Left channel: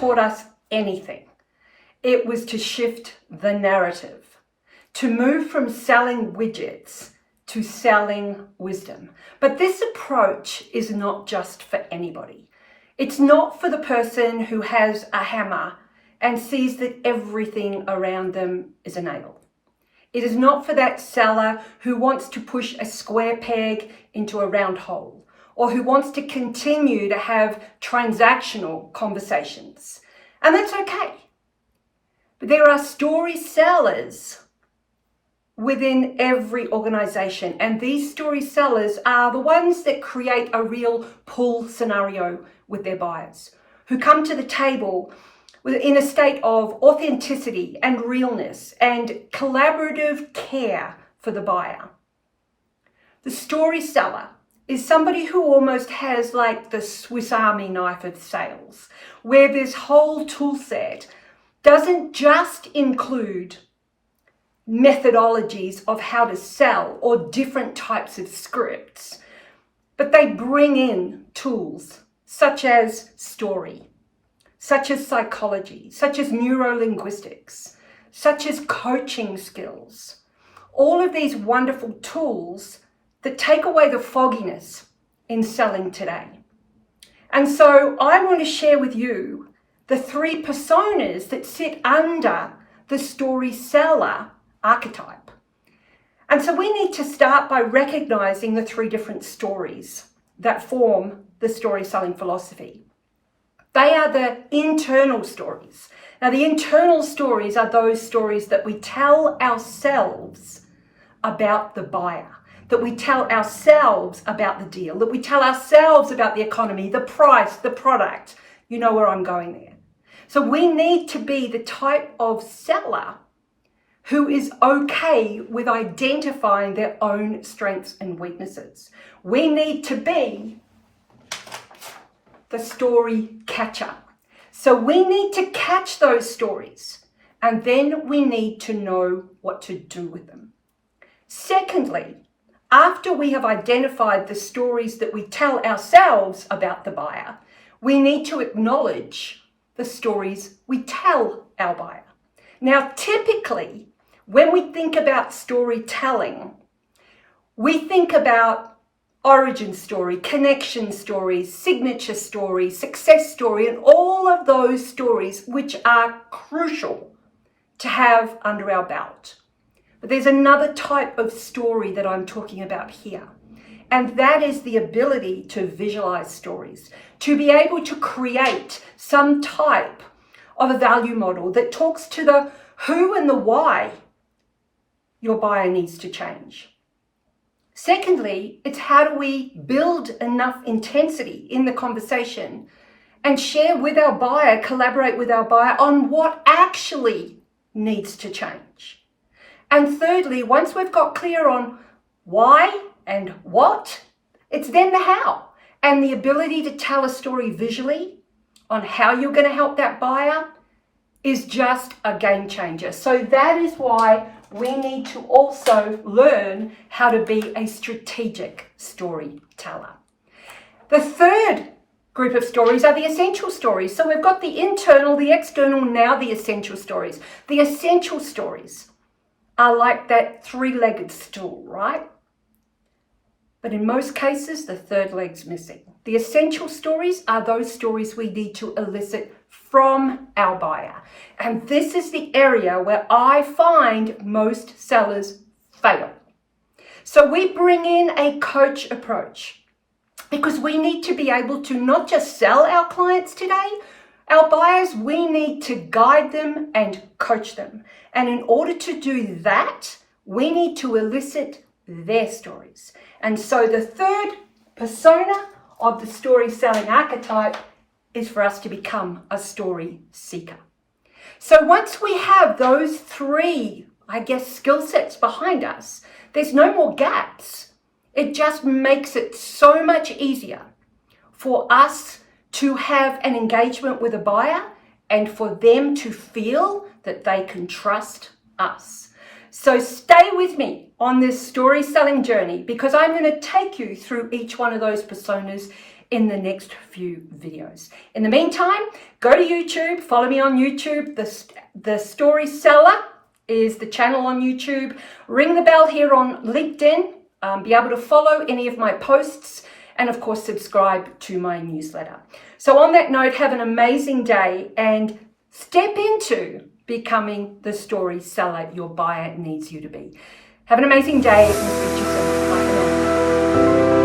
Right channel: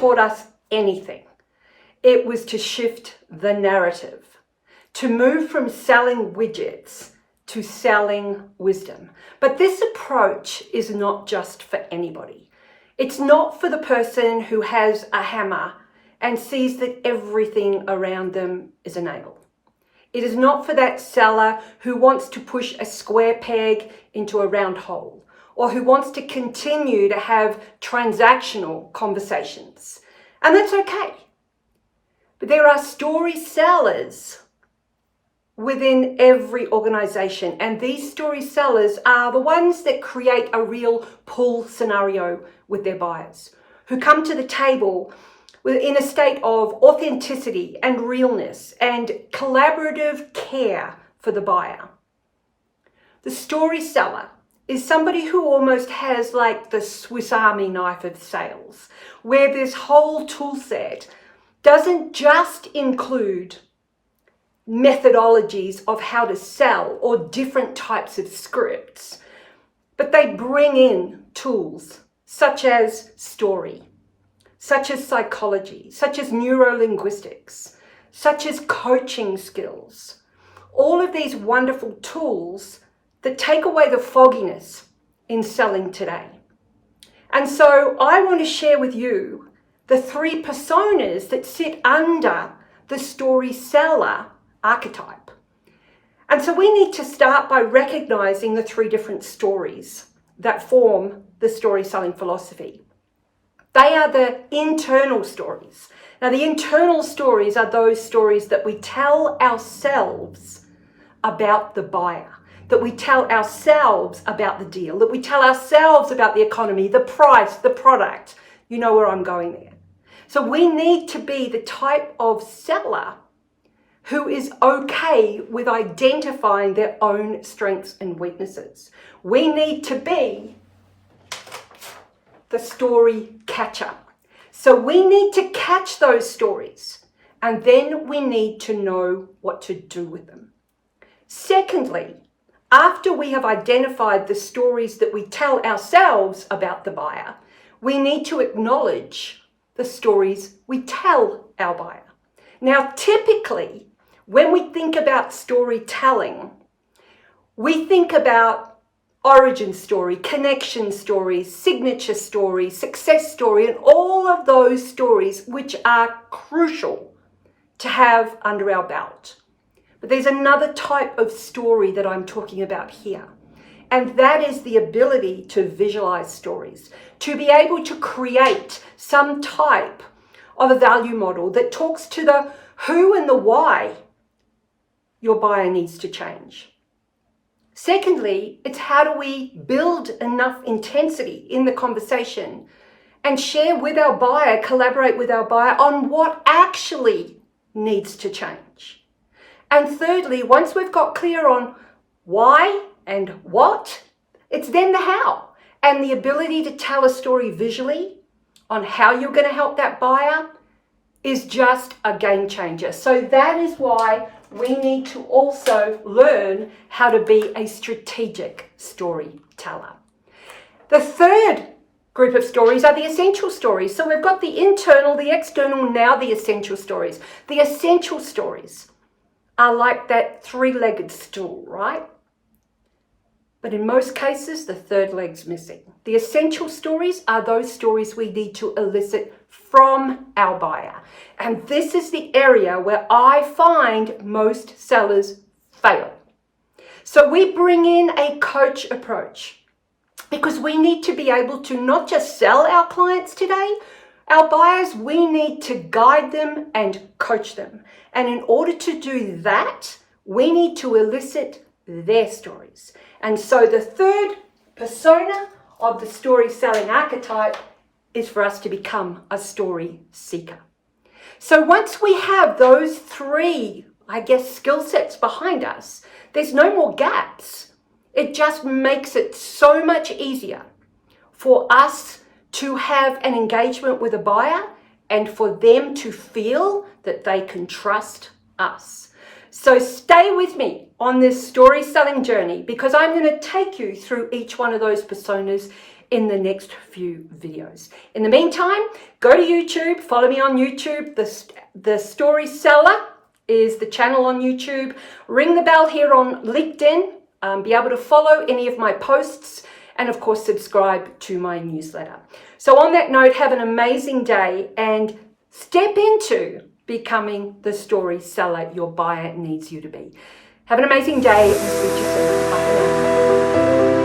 taught us anything, it was to shift the narrative, to move from selling widgets to selling wisdom. But this approach is not just for anybody. It's not for the person who has a hammer and sees that everything around them is a nail. It is not for that seller who wants to push a square peg into a round hole, or who wants to continue to have transactional conversations. And that's okay. But there are story sellers within every organization, and these story sellers are the ones that create a real pull scenario with their buyers, who come to the table in a state of authenticity and realness and collaborative care for the buyer. The story seller is somebody who almost has like the Swiss Army knife of sales, where this whole tool set doesn't just include methodologies of how to sell or different types of scripts, but they bring in tools such as story, such as psychology, such as neurolinguistics, such as coaching skills. All of these wonderful tools that take away the fogginess in selling today. And so I want to share with you the 3 personas that sit under the story seller archetype. And so we need to start by recognizing the 3 different stories that form the story selling philosophy. They are the internal stories. Now, the internal stories are those stories that we tell ourselves about the buyer, that we tell ourselves about the deal, that we tell ourselves about the economy, the price, the product. You know where I'm going there. So we need to be the type of seller who is okay with identifying their own strengths and weaknesses. We need to be the story catcher. So we need to catch those stories, and then we need to know what to do with them. Secondly, after we have identified the stories that we tell ourselves about the buyer, we need to acknowledge the stories we tell our buyer. Now, typically, when we think about storytelling, we think about origin story, connection stories, signature story, success story, and all of those stories which are crucial to have under our belt. But there's another type of story that I'm talking about here, and that is the ability to visualize stories, to be able to create some type of a value model that talks to the who and the why your buyer needs to change. Secondly, it's how do we build enough intensity in the conversation and share with our buyer, collaborate with our buyer on what actually needs to change. And thirdly, once we've got clear on why and what, it's then the how and the ability to tell a story visually on how you're going to help that buyer is just a game changer. So that is why we need to also learn how to be a strategic storyteller. The third group of stories are the essential stories. So we've got the internal, the external, now the essential stories. The essential stories are like that 3-legged stool, right? But in most cases, the third leg's missing. The essential stories are those stories we need to elicit from our buyer. And this is the area where I find most sellers fail. So we bring in a coach approach because we need to be able to not just sell our clients today, our buyers, we need to guide them and coach them. And in order to do that, we need to elicit their stories. And so the third persona of the story selling archetype is for us to become a story seeker. So once we have those 3, skill sets behind us, there's no more gaps. It just makes it so much easier for us to have an engagement with a buyer and for them to feel that they can trust us. So stay with me on this story selling journey because I'm going to take you through each one of those personas in the next few videos. In the meantime, go to YouTube, follow me on YouTube. The StorySeller is the channel on YouTube. Ring the bell here on LinkedIn. Be able to follow any of my posts, and of course subscribe to my newsletter. So on that note, have an amazing day and step into becoming the story seller your buyer needs you to be. Have an amazing day and speak to you soon. Bye for now.